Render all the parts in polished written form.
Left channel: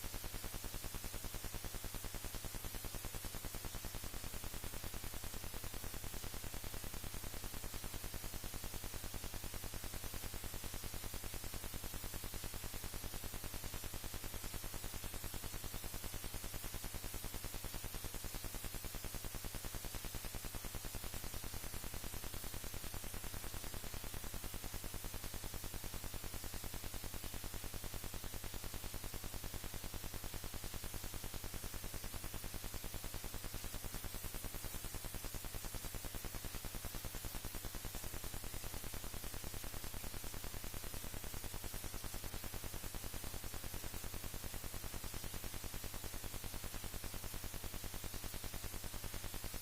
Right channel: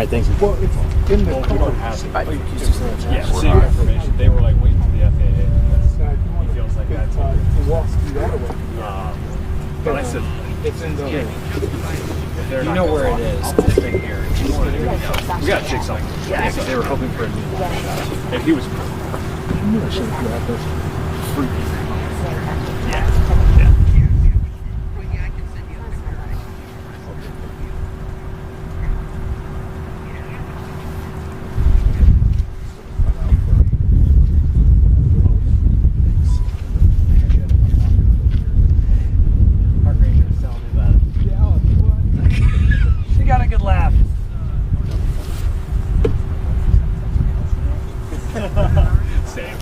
right, thanks. Well, it's in the Well, we car. don't have it. Yeah, See your information. They were like waiting for the FAA. If you want He feels like that's to walk through that way. But I said, It's in the... if they're You not know gonna where it talk, is. I'll just stay here. We gotta take something. Yeah, because they were hoping for a meeting. And he was You know, shit, you have those freaky. Yeah. Yeah. She got a good laugh. Same.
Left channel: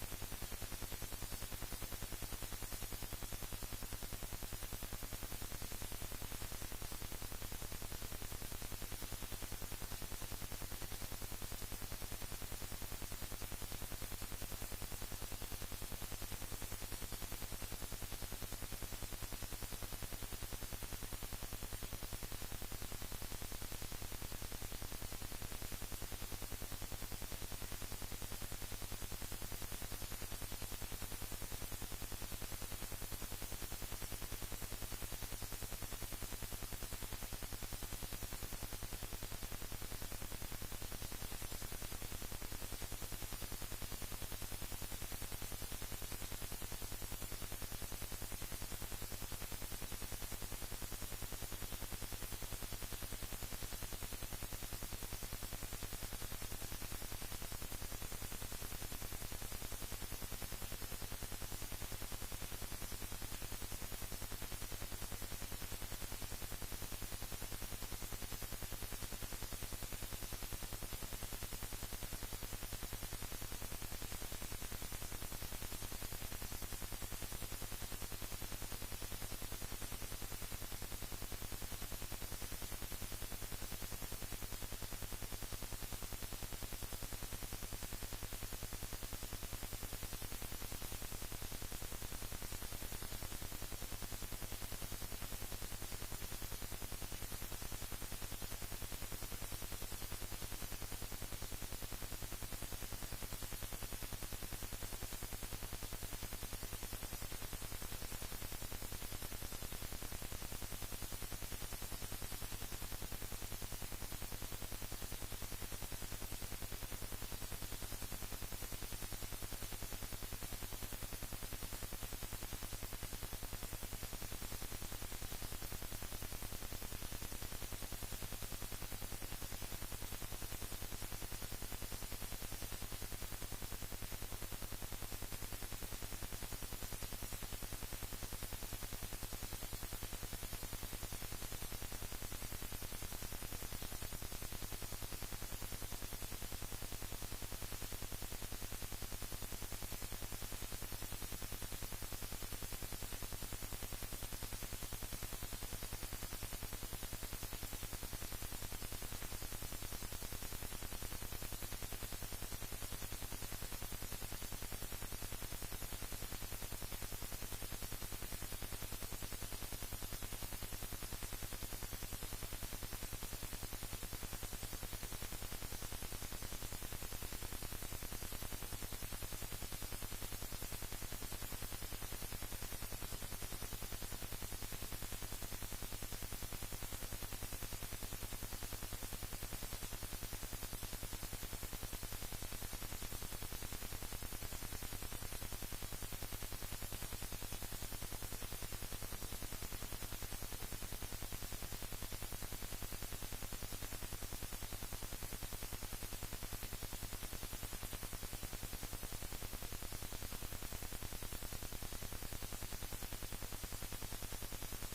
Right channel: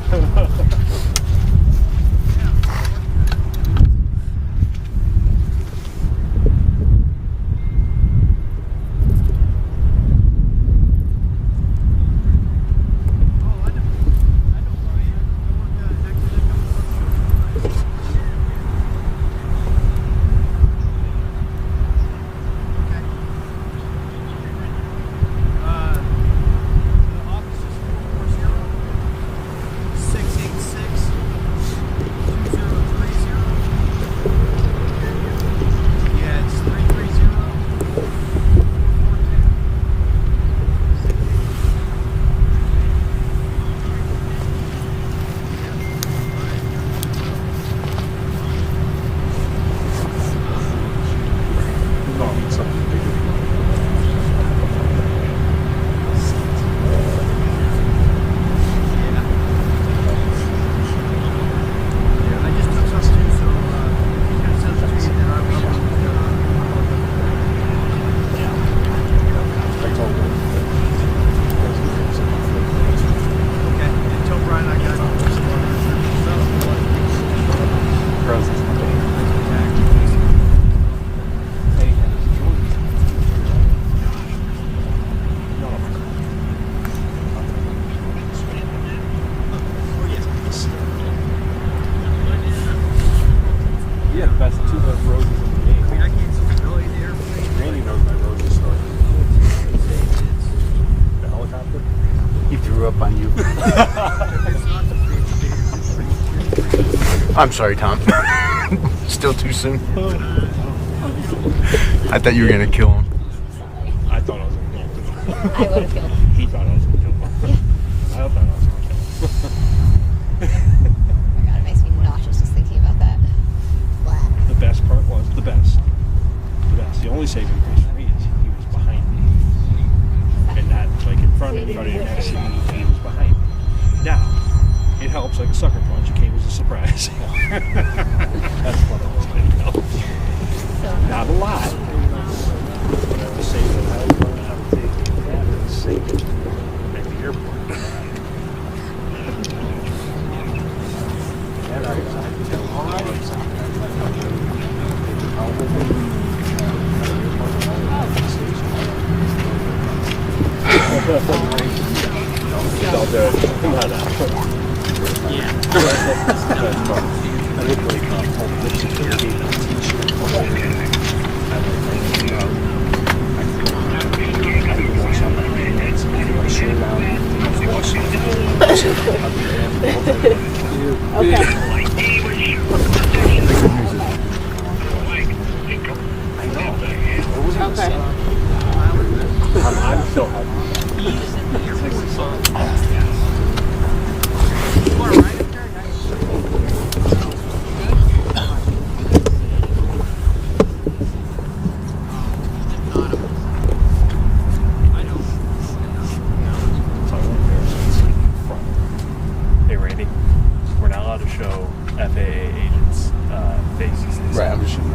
Yeah, the best two best roads in the game. I can't see really the airplane. Randy knows my road story. The helicopter? He threw up on you. I'm sorry, Tom. Still too soon. I thought you were gonna kill him. I thought I was going to kill him. I would have killed him. He thought I was going to kill him. I thought I was going to kill him. God, it makes me nauseous just thinking about that. Blah. The best part was the best. The best. The only saving grace for me is he was behind me. And not like in front of you next to me, he was behind me. Now, it helps like a sucker punch. It came as a surprise. That's what I was going to know. Not a lot. But I was saying that I was going to have to take that and save it at the airport. And I was I'll do it. Come on now. Yeah. I look like I'm still happy. Hey Randy, we're not allowed to show FAA agents' faces. Right, I'm just shooting.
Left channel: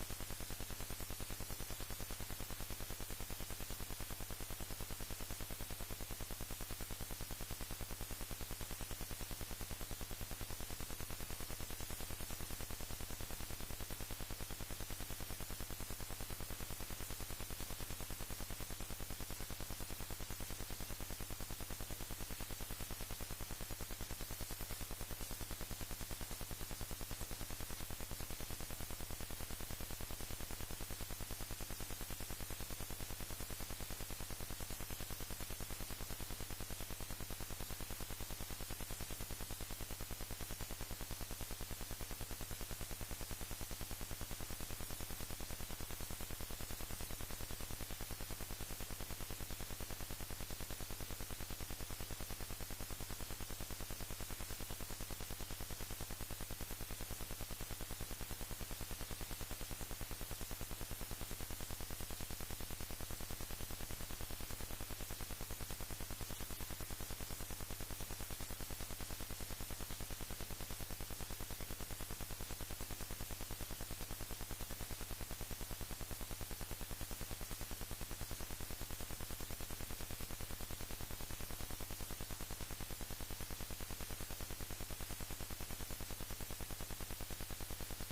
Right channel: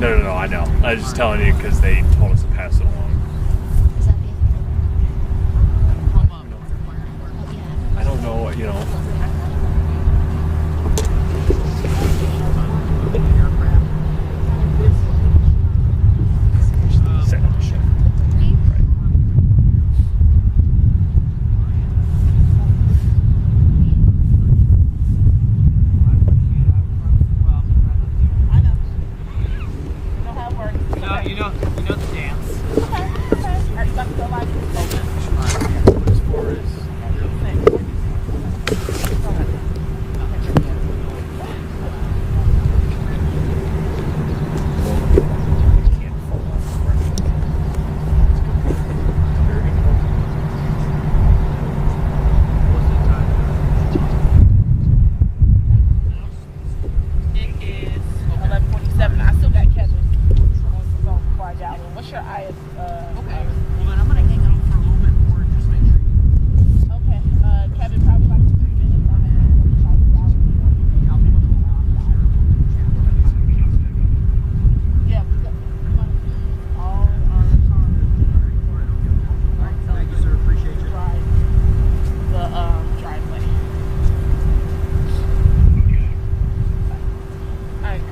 No, I know. I was just telling you because they told us to pass it along. I don't know, you know. Set up the ship. You know the dance. sure I. Okay. Well, then I'm gonna hang out for a little bit more and just make sure. Okay. Kevin, probably like 3 minutes. I'm gonna yeah, all our Thank you, sir. Appreciate you. drive the driveway. Alright.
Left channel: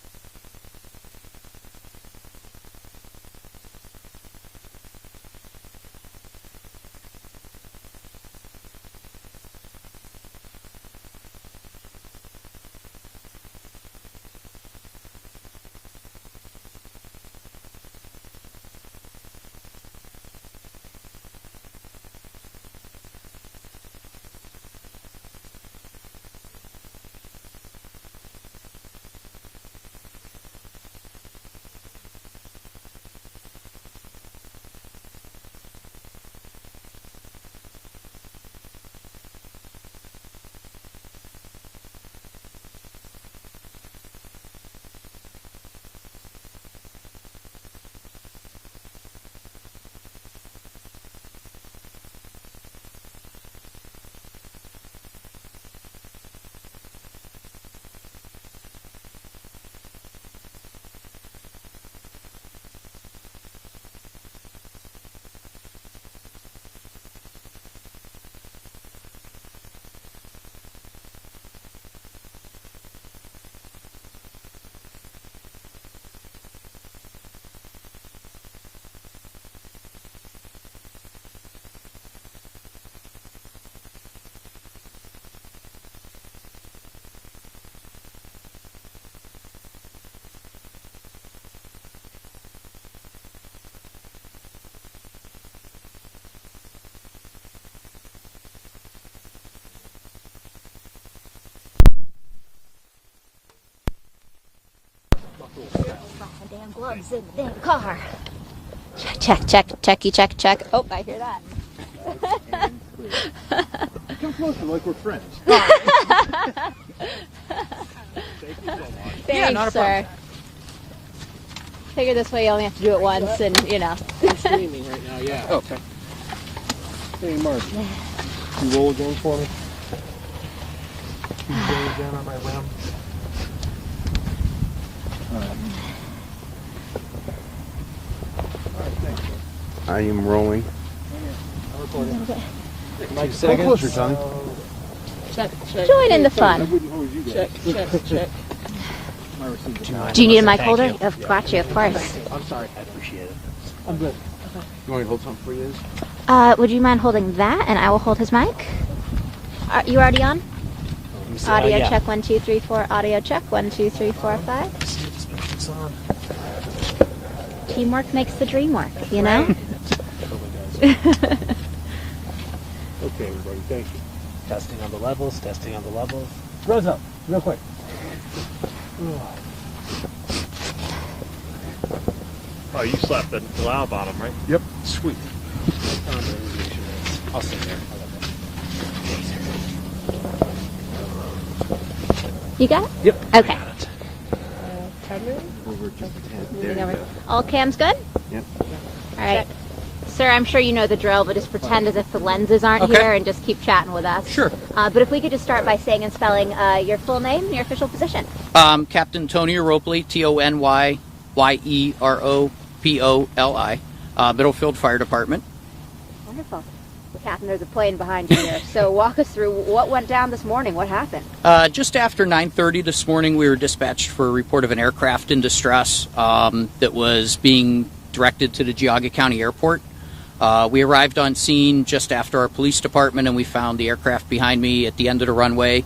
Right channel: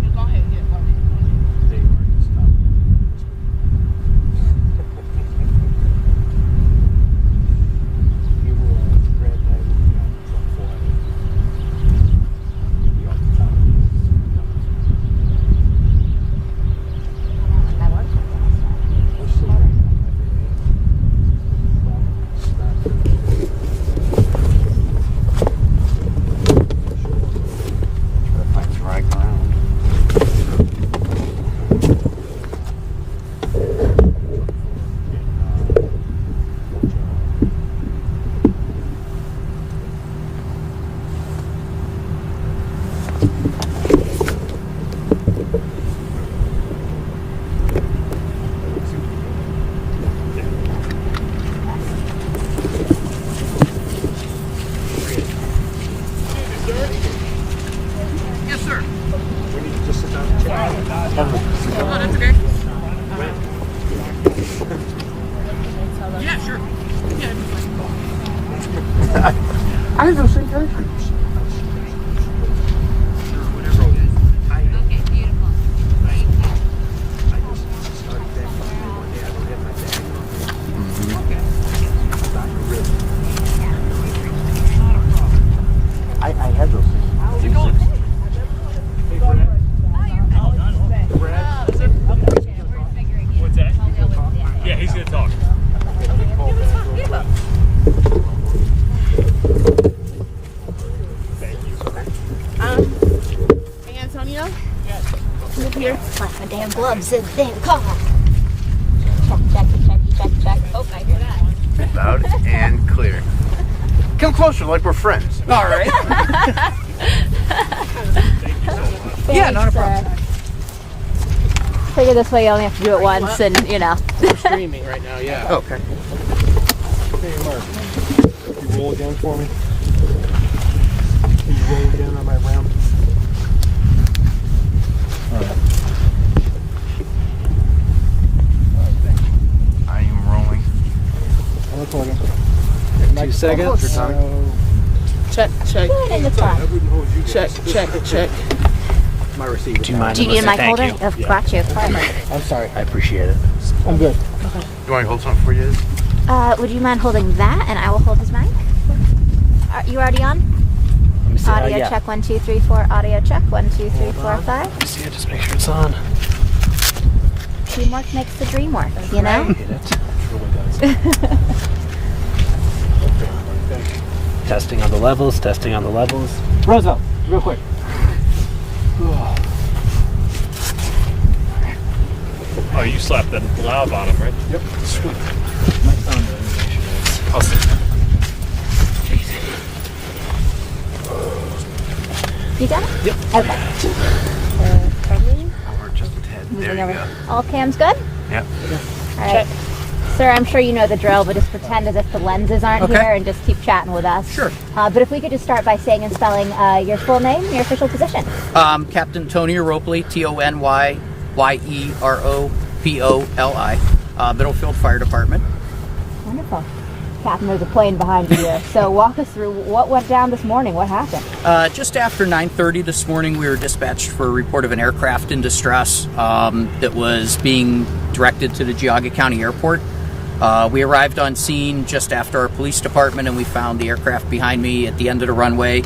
Yeah, go ahead, yeah, go ahead. That works. Find dry ground. Yes, sir. We need to just sit down and chat. Oh, that's okay. Yeah, sure. Yeah. I have those same characters. Okay, beautiful. Thank you. I had those things. How's it going? What's that? Yeah, he's gonna talk. Hey, Antonio? Come up here. Put my damn gloves in the damn car. Check. Oh, I hear that. Loud and clear. Come closer, like we're friends. All right. Thanks, sir. Figure this way you only have to do it once and, you know. We're streaming right now, yeah. Oh, okay. Hey, Mark. You roll it down for me? You roll it down on my lamp? I am rolling. I'm recording. 2 seconds. Check. Join in the fun. I wouldn't hold you guys. Check. My receipt. Do you mind? Do you need a mic Thank holder? you. I've got you, of course. I'm sorry. I appreciate it. I'm good. You want me to hold something for you? Would you mind holding that and I will hold his mic? You already on? Audio yeah. check 1 2 3 4. Audio check 1 2 3 4 5. See, just make sure it's on. Teamwork makes the dream work, you know? Okay, everybody, thank you. Testing on the levels. Rosa, real quick. Oh, you slapped the loud bottom, right? Yep. Sweet. I'll sit there. You got it? Yep. Okay. Over just a tad. There you go. All cams good? Yep. All right. Sir, I'm sure you know the drill, but just pretend as if the lenses aren't Okay. here and just keep chatting with us. Sure. But if we could just start by saying and spelling your full name, your official position. Captain Tony Ropley, Tonyyeropoli, Middlefield Fire Department. Wonderful. Captain, there's a plane behind you here. So walk us through what went down this morning. What happened? Just after 9:30 this morning, we were dispatched for a report of an aircraft in distress that was being directed to the Geauga County Airport. We arrived on scene just after our police department, and we found the aircraft behind me at the end of the runway.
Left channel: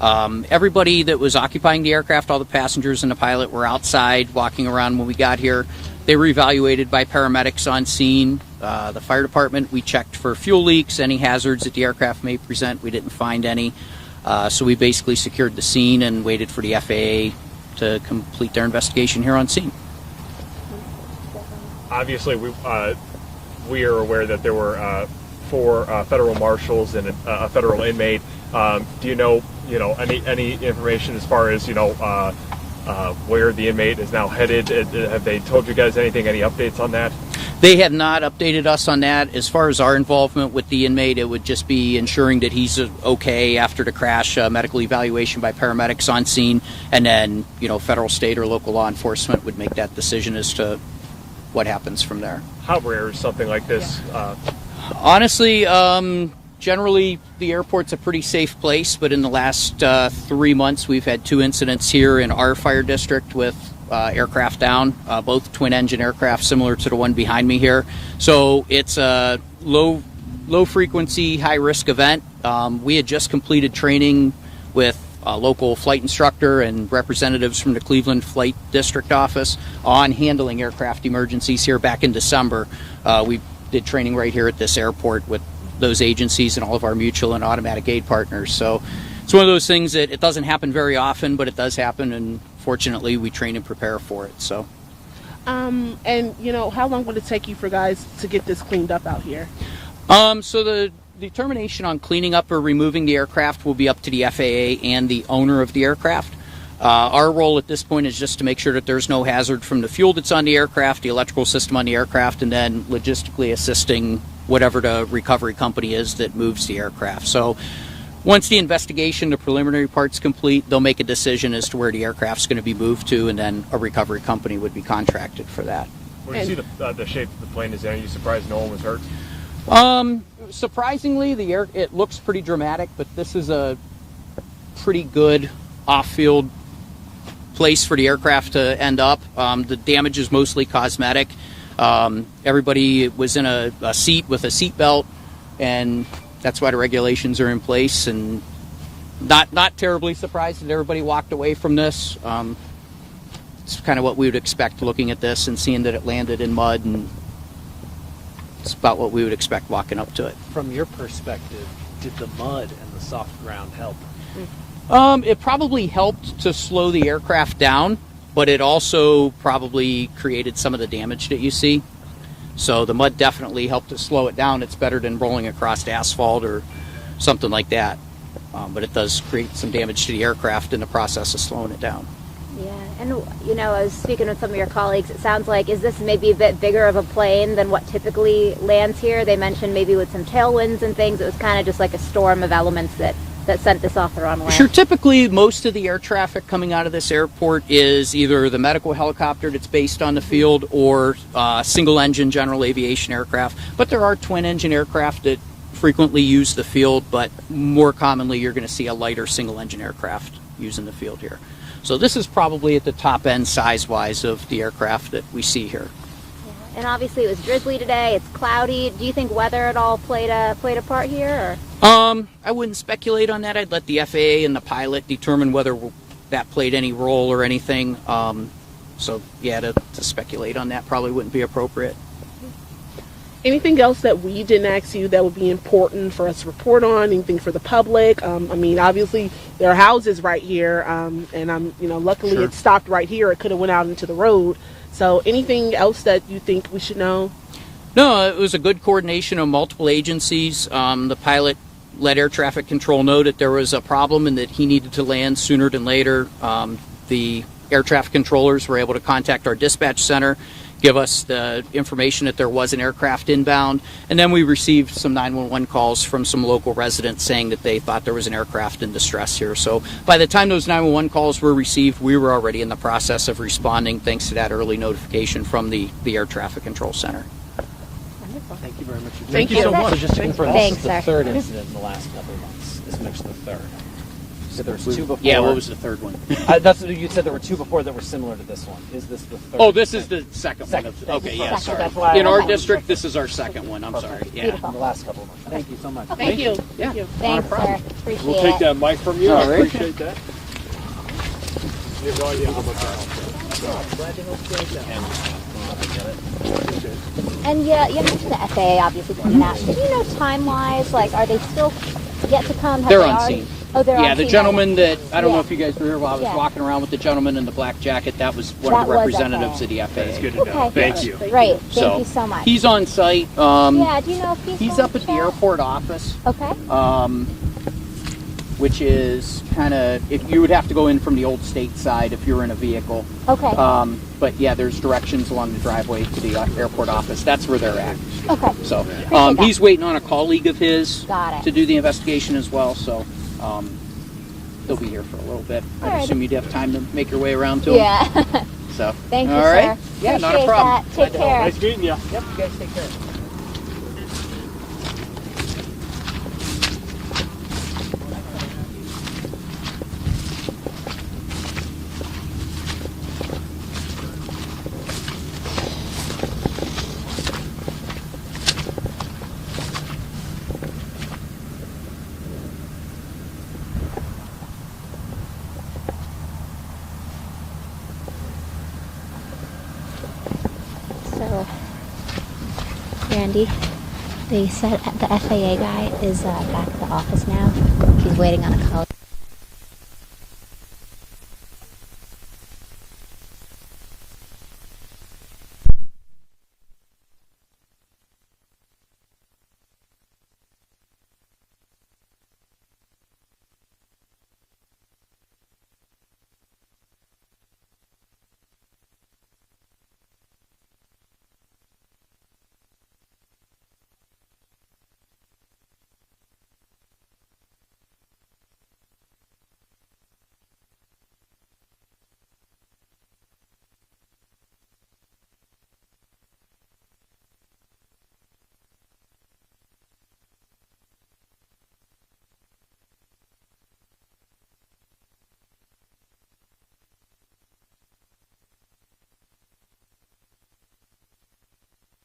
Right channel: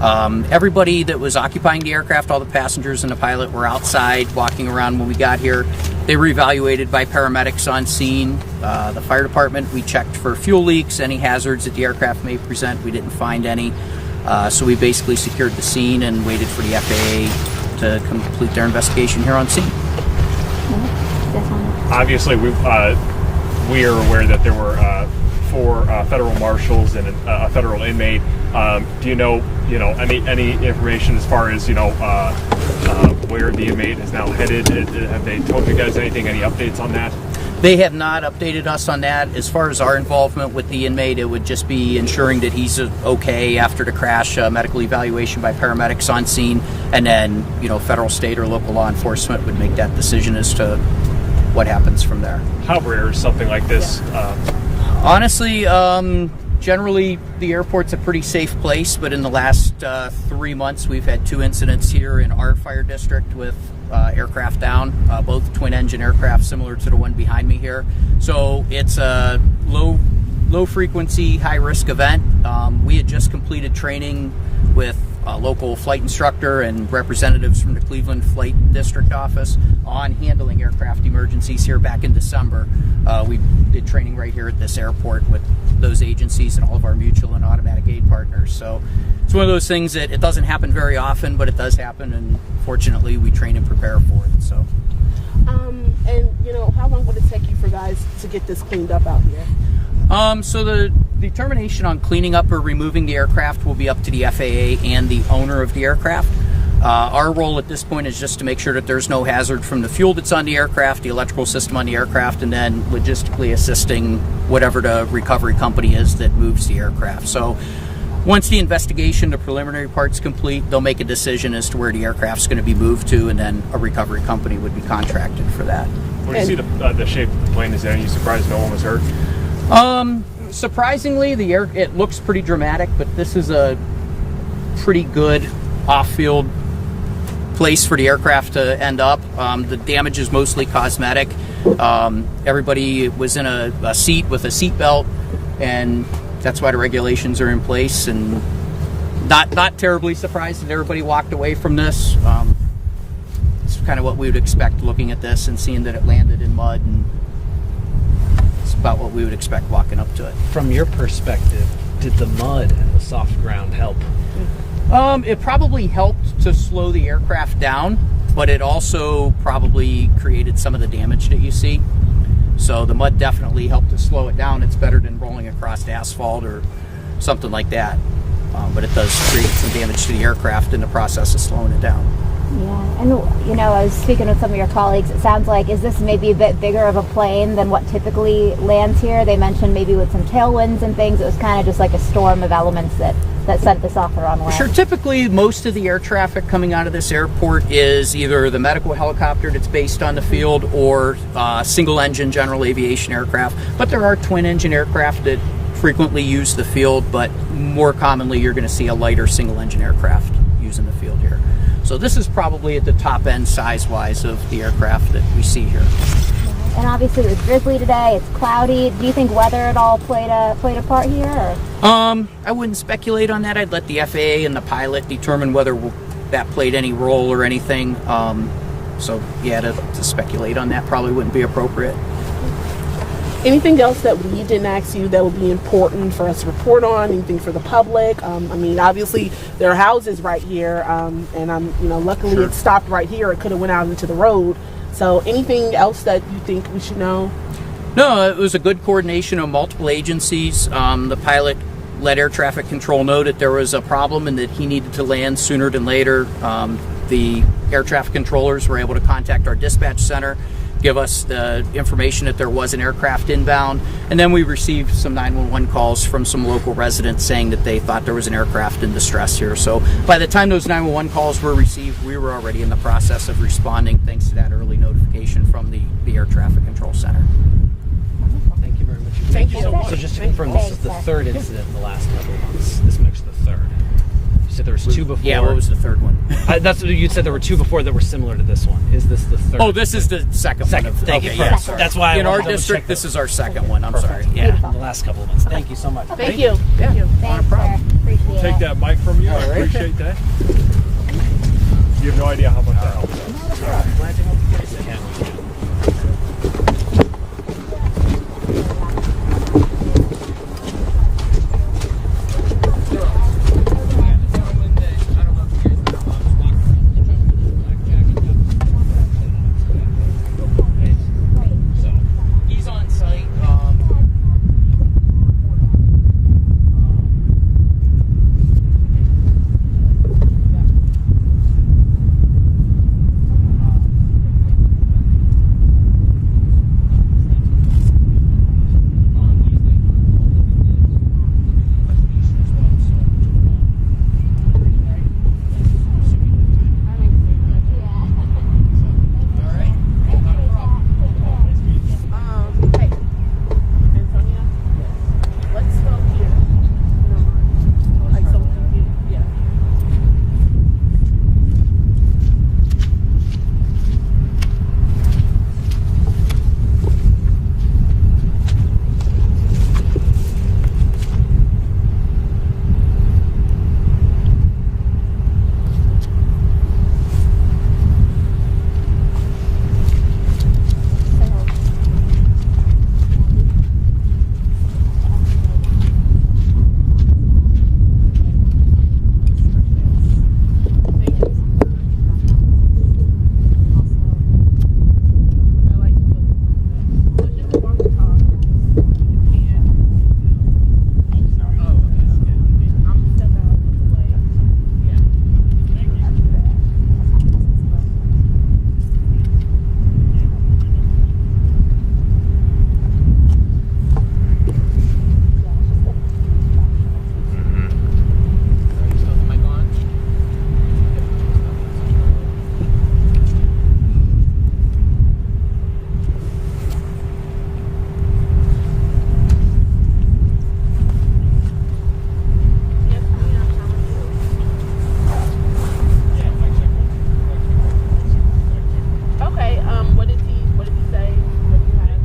Everybody that was occupying the aircraft, all the passengers and the pilot, were outside walking around when we got here. They were evaluated by paramedics on scene. The fire department, we checked for fuel leaks, any hazards that the aircraft may present. We didn't find any. So we basically secured the scene and waited for the FAA to complete their investigation here on scene. Obviously, we are aware that there were 4 federal marshals and a federal inmate Do you know any information as far as where the inmate is now headed? Have they told you guys anything? Any updates on that? They have not updated us on that. As far as our involvement with the inmate, it would just be ensuring that he's okay after the crash, medical evaluation by paramedics on scene, and then federal, state, or local law enforcement would make that decision as to what happens from there. How rare is something like this? Honestly, generally the airport's a pretty safe place, but in the last 3 months we've had 2 incidents here in our fire district with aircraft down, both twin engine aircraft similar to the one behind me here. So it's a low frequency, high risk event. We had just completed training with a local flight instructor and representatives from the Cleveland Flight District office on handling aircraft emergencies here back in December. We did training right here at this airport with those agencies and all of our mutual and automatic aid partners. So it's one of those things that it doesn't happen very often, but it does happen, and fortunately we train and prepare for it. So and how long would it take you for guys to get this cleaned up out here? So the determination on cleaning up or removing the aircraft will be up to the FAA and the owner of the aircraft. Our role at this point is just to make sure that there's no hazard from the fuel that's on the aircraft, the electrical system on the aircraft, and then logistically assisting whatever the recovery company is that moves the aircraft. So once the investigation, the preliminary part's complete, they'll make a decision as to where the aircraft's going to be moved to, and then a recovery company would be contracted for that. When you see the shape of the plane is there, are you surprised no one was hurt? Surprisingly, it looks pretty dramatic, but this is a pretty good off-field place for the aircraft to end up. The damage is mostly cosmetic. Everybody was in a seat with a seat belt, and that's why the regulations are in place, and not terribly surprised that everybody walked away from this. It's kind of what we would expect looking at this and seeing that it landed in mud, and it's about what we would expect walking up to it. From your perspective, did the mud and the soft ground help? It probably helped to slow the aircraft down, but it also probably created some of the damage that you see. So the mud definitely helped to slow it down. It's better than rolling across asphalt or something like that. But it does create some damage to the aircraft in the process of slowing it down. Yeah, and I was speaking with some of your colleagues. It sounds like, is this maybe a bit bigger of a plane than what typically lands here? They mentioned maybe with some tailwinds and things, it was kind of just like a storm of elements that sent this off the wrong way. Sure, typically most of the air traffic coming out of this airport is either the medical helicopter that's based on the field or single engine general aviation aircraft, but there are twin engine aircraft that frequently use the field, but more commonly you're going to see a lighter single engine aircraft using the field here. So this is probably at the top end size-wise of the aircraft that we see here. And obviously it was drizzly today, it's cloudy. Do you think weather at all played a part here? Or? I wouldn't speculate on that. I'd let the FAA and the pilot determine whether that played any role or anything. So yeah, to speculate on that probably wouldn't be appropriate. Anything else that we didn't ask you that would be important for us to report on? Anything for the public? Obviously there are houses right here, and luckily Sure. It stopped right here. It could have went out into the road. So anything else that you think we should know? No, it was a good coordination of multiple agencies. The pilot let air traffic control know that there was a problem and that he needed to land sooner than later. The air traffic controllers were able to contact our dispatch center, give us the information that there was an aircraft inbound, and then we received some 911 calls from some local residents saying that they thought there was an aircraft in distress here. So by the time those 911 calls were received, we were already in the process of responding thanks to that early notification from the air traffic control center. Thank you very much. Thank you so much. So just to confirm, Thanks, this is the sir. third incident in the last couple of months. This makes the third. You said there was two before. Yeah, what was the third one? That's what you said. There were two before that were similar to this one. Is this the third? Oh, this is the second second. one. Thank Okay, you. yeah, For, sorry. that's why I in our wanted to district, check this is our second one. I'm sorry. Perfect. Yeah. The last couple of months. Thank you so much. Thank you. Thank you. Thanks, sir. Appreciate We'll take it. that mic from you. I All right. appreciate that. You have no idea how much that helps. And yeah, you mentioned the FAA obviously coming out. Do you know time-wise, like, are they still yet to come? Have They're they on already- scene. Oh, they're Yeah, on the scene. gentleman that, I don't know Yeah. if you guys were here while I was Yeah. walking around with the gentleman in the black jacket, that was one That of the was representatives of the FAA. That's good to know. Okay. Thank you. Great. Thank So, you so much. He's on site. Yeah, do you know if he's He's going up at to the chat? airport office. Okay. which is kind of, if you would have to go in from the old state side if you're in a vehicle. Okay. But yeah, there's directions along the driveway to the airport office. That's where they're at. Okay. So Appreciate that. he's waiting on a colleague of his Got it. to do the investigation as well. So they'll be here for a little bit. I Alright. assume you'd have time to make your way around to him. Yeah. So Thank you, all right. sir. Yeah, not a Appreciate problem. that. Take care. Nice meeting you. So, Randy, they said the FAA guy is back at the office now. He's waiting on a call. Okay. What did he say? What did he have?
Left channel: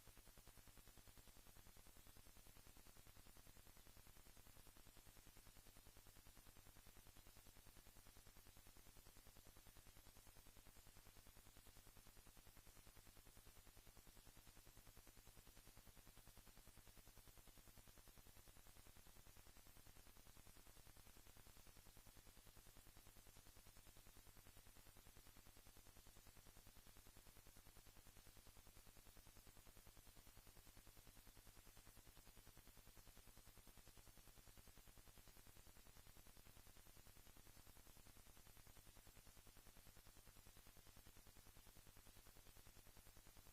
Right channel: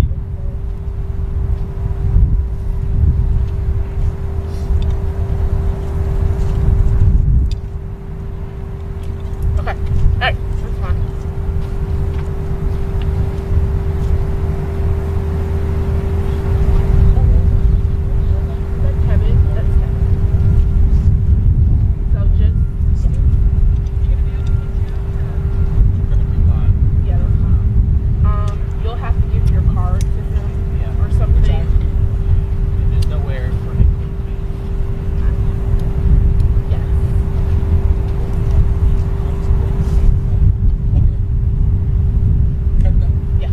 Okay. All right. That's fine. That's Kevin. That's Kevin. So just yeah, that's fine. You'll have to give your card to him or something. There's nowhere for him to be. Yes. Yeah.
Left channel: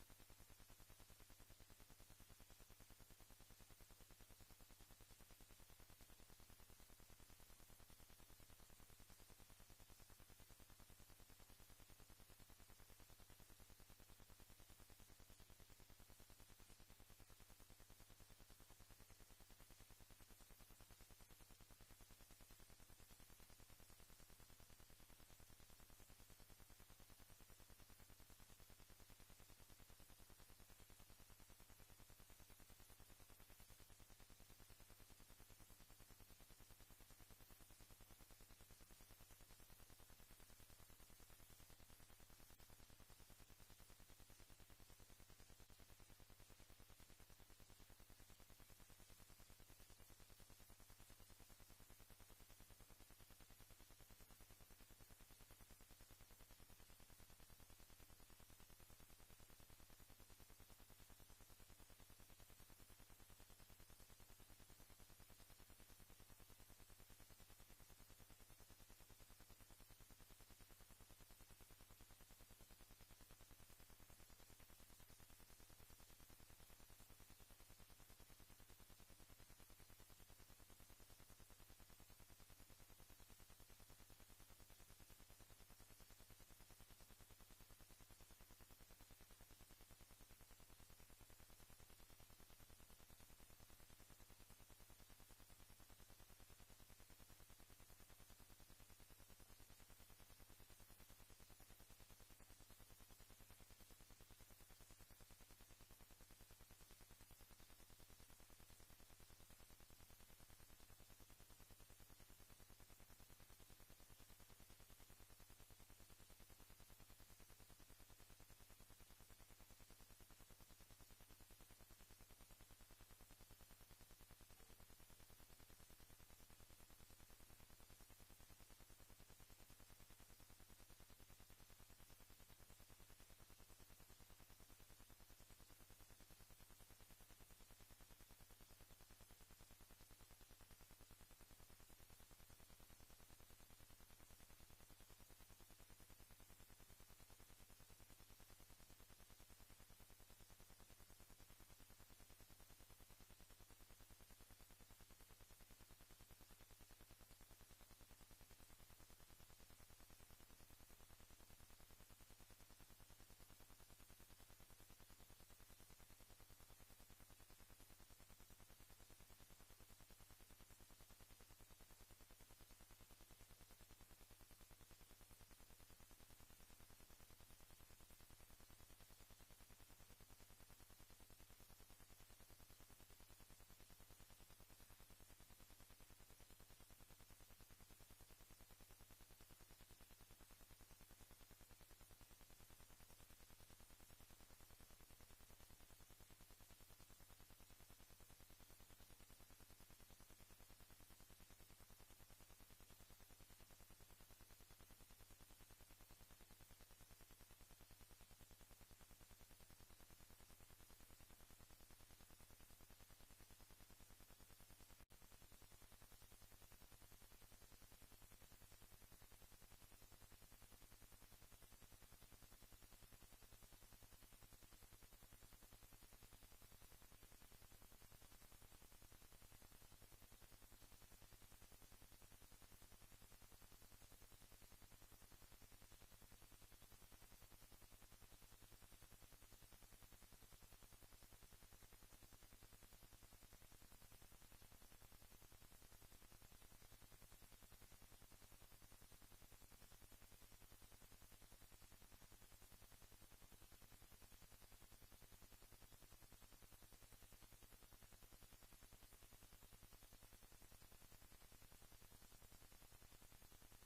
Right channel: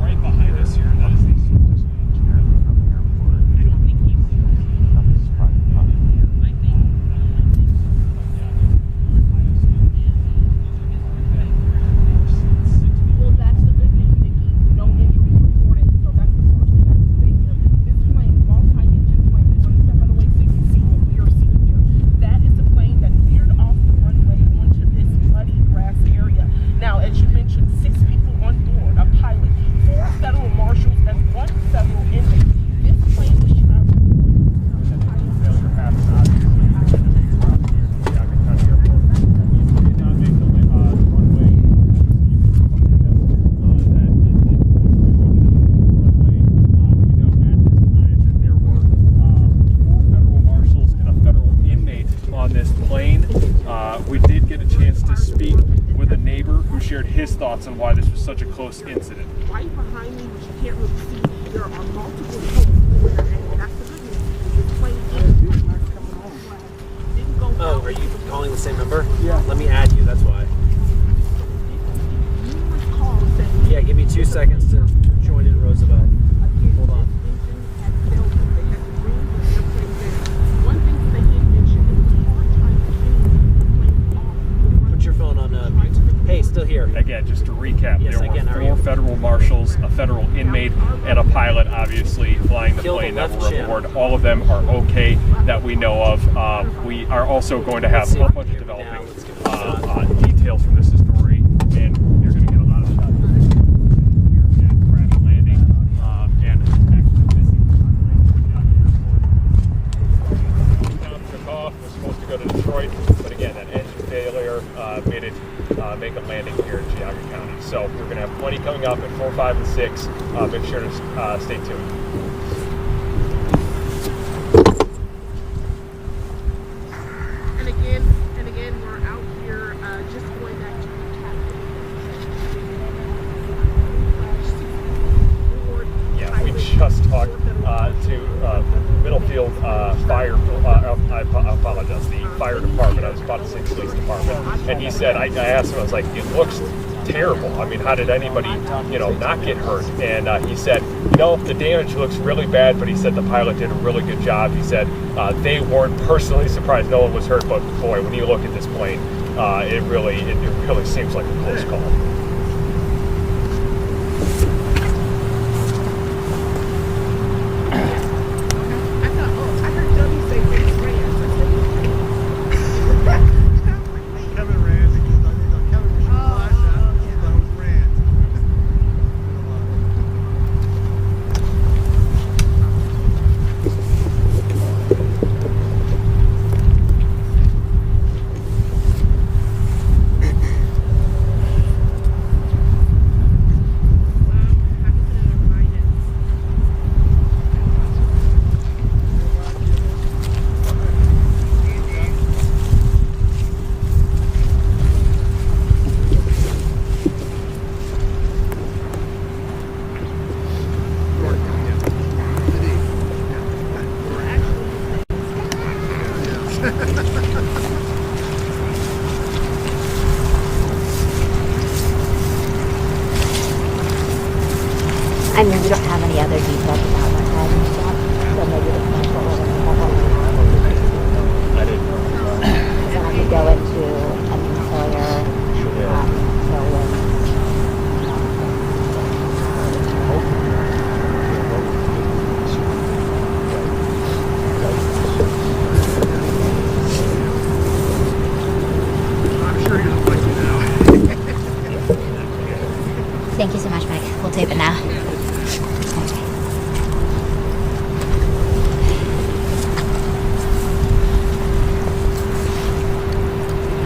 Right behind us here. That is the Well, that's the good news, Nikki. No injuries reported, so that's the first thing I can say here. This plane, multi-engine plane, we're going to step out of the way so you can see what we are seeing here. That is the plane that veered off the runway onto this muddy grass area. Now, as you mentioned, 6 people on board, a pilot, 4 federal marshals, and 1 federal inmate. This plane was traveling. Failure happens, obviously. Geauga County Airport. We did not make the runway. There were 4 federal marshals and a federal inmate on this plane. We did get a chance to speak with a neighbor who shared his thoughts on why this was such a close incident. Right behind me, which you can't really see, there are multiple holes where, and that's the good news, this plane didn't go Oh, out. are you calling the same number? Yeah. Let me add you, that's why. Numerous calls saying Yeah, give me 2 seconds to join in Roosevelt. Hold on. One thing they did mention, it was a hard time getting the plane off the runway. Put your phone on mute. Hey, still here. Again, just to recap, Yes, there I can. How were are 4 you? federal marshals, a federal inmate, and a pilot, obviously, flying the Kill the plane that left were shin. aboard. All of them are okay that we know of. We are also going to have a whole bunch of developing details from this story, and you're going to get a lot of shots here at crash landing and actually missing took off, was supposed to go to Detroit, but again, that engine failure made it make a landing here in Geauga County. So we're going to have plenty coming up at 4, 5, and 6. Make sure to stay tuned. And again, we're out here just going back to the Yeah, we just talked to Middlefield Fire. I apologize, the fire department. I was about to say police department, and he said, I asked him, I was like, it looks terrible. I mean, how did anybody, not get hurt? And he said, the damage looks really bad, but he said the pilot did a really good job. He said they weren't personally surprised, no one was hurt, but boy, when you look at this plane, it really seems like a close call. I heard Dummy say Vince Reyes. Kevin ran because I think Kevin was flash that, so I was ran. I mean, we don't have any other details about that driving stop, so maybe it's not what we're going to have. I didn't know. Then I could go into employer, I'm sure he doesn't like you now. Thank you so much, Mike. We'll tape it now.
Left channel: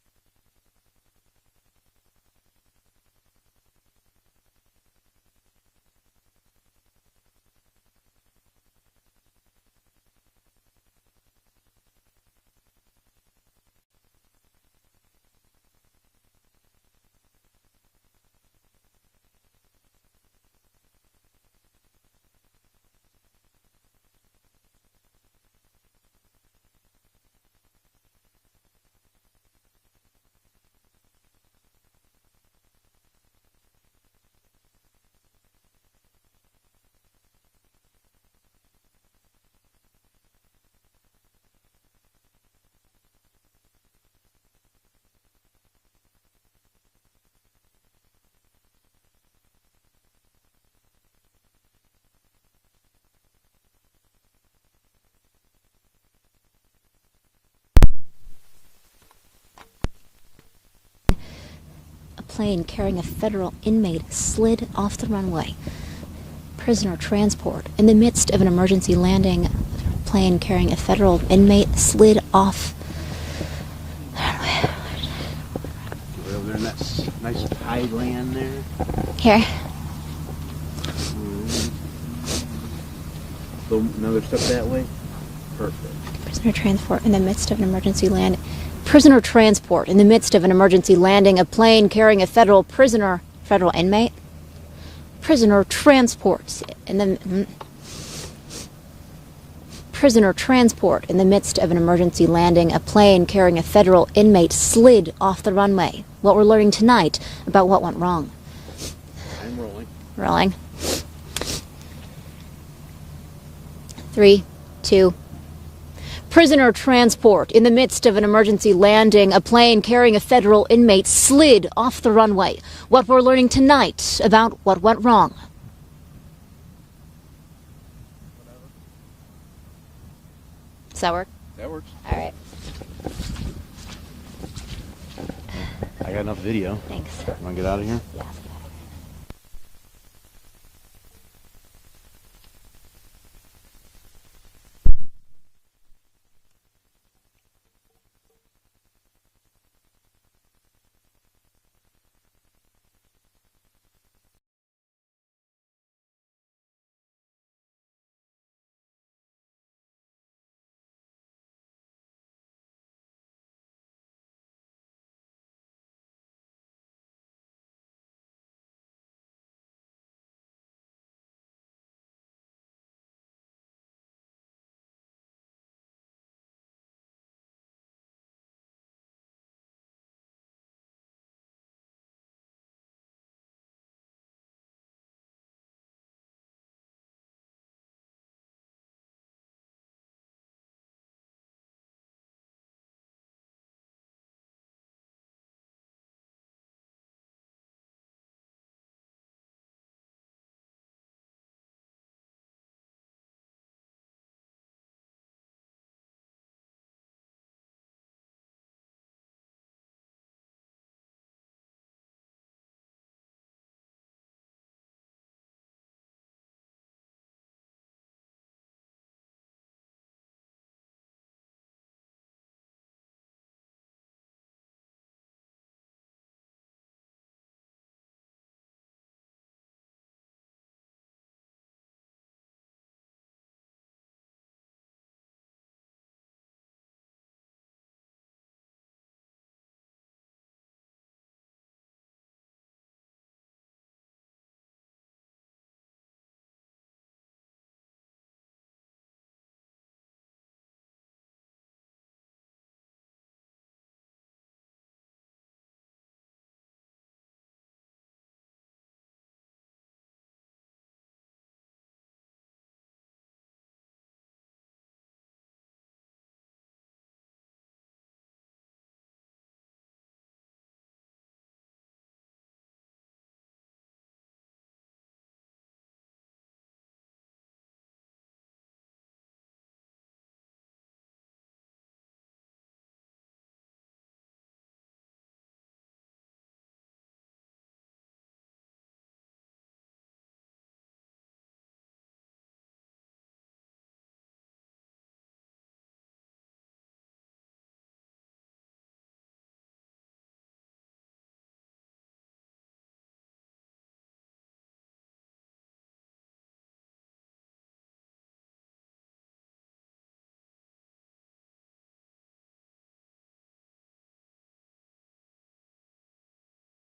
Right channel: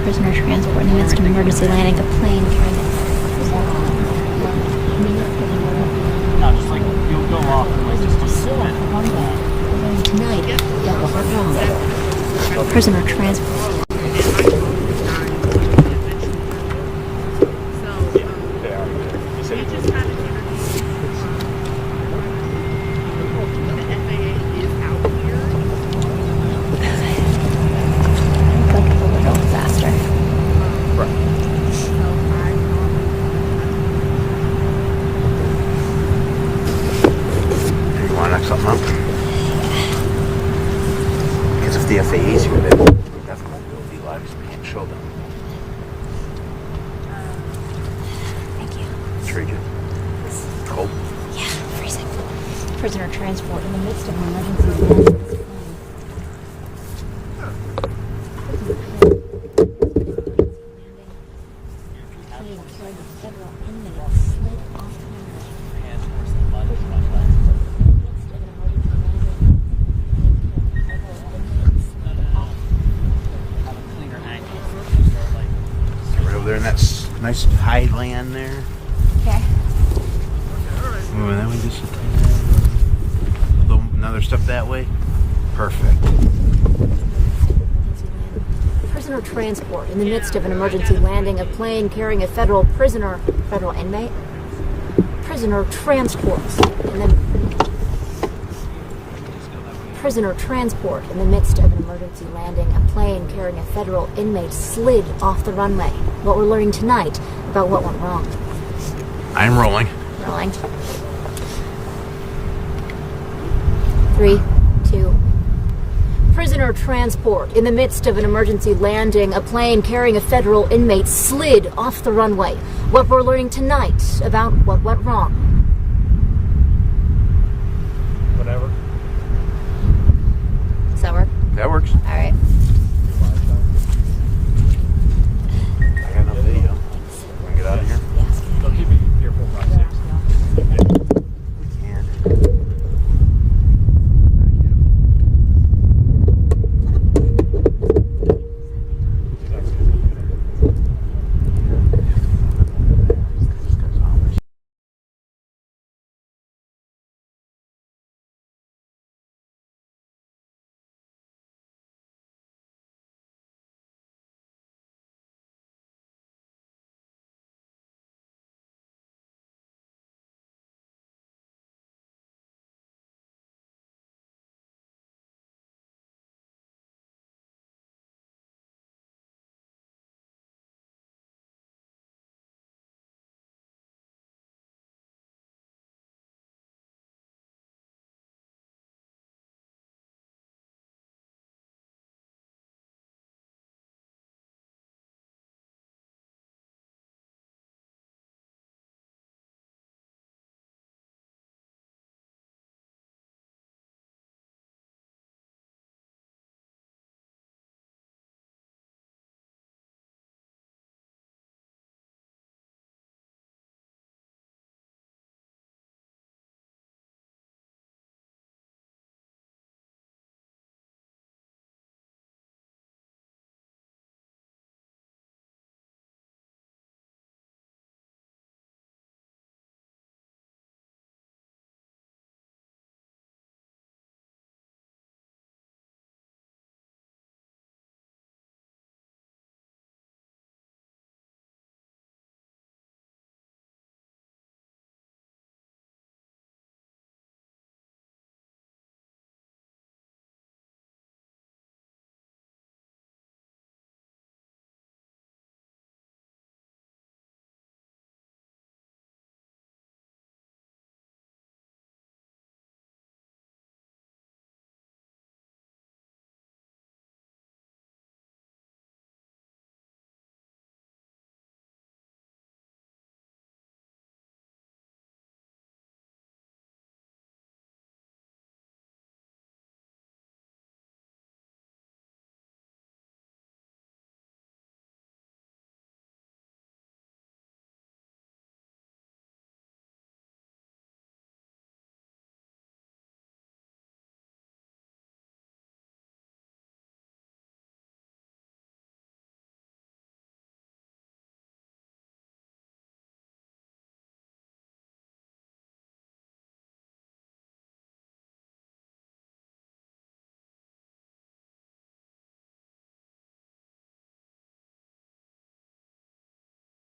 Prisoner transport in the midst of emergency landing. A plane carrying No, just like you'll go off and like just sit tonight. Prisoner transport. They are. He said he was. Like a little faster. Right. You want to knock something up? Because if the FAA is here, they definitely will be live. We can't show them. Thank you. Treat cold. Yeah, freezing. Prisoner transport in the midst of an emergency landing. A plane carrying a federal inmate slid off the runway. Prisoner transport in the midst of an emergency landing. A plane carrying a federal inmate slid off the runway. Right over there in that nice high land there. Here. Moving that way just another step that way. Perfect. Prisoner transport in the midst of an emergency landing. Prisoner transport in the midst of an emergency landing. A plane carrying a federal inmate. Prisoner transport in the prisoner transport in the midst of an emergency landing. A plane carrying a federal inmate slid off the runway. What we're learning tonight about what went wrong. I'm rolling. Rolling. 3, 2. Prisoner transport. In the midst of an emergency landing, a plane carrying a federal inmate slid off the runway. What we're learning tonight about what went wrong. Whatever. Does that work? That works. All right. I got enough video. Thanks. Want to get out of here?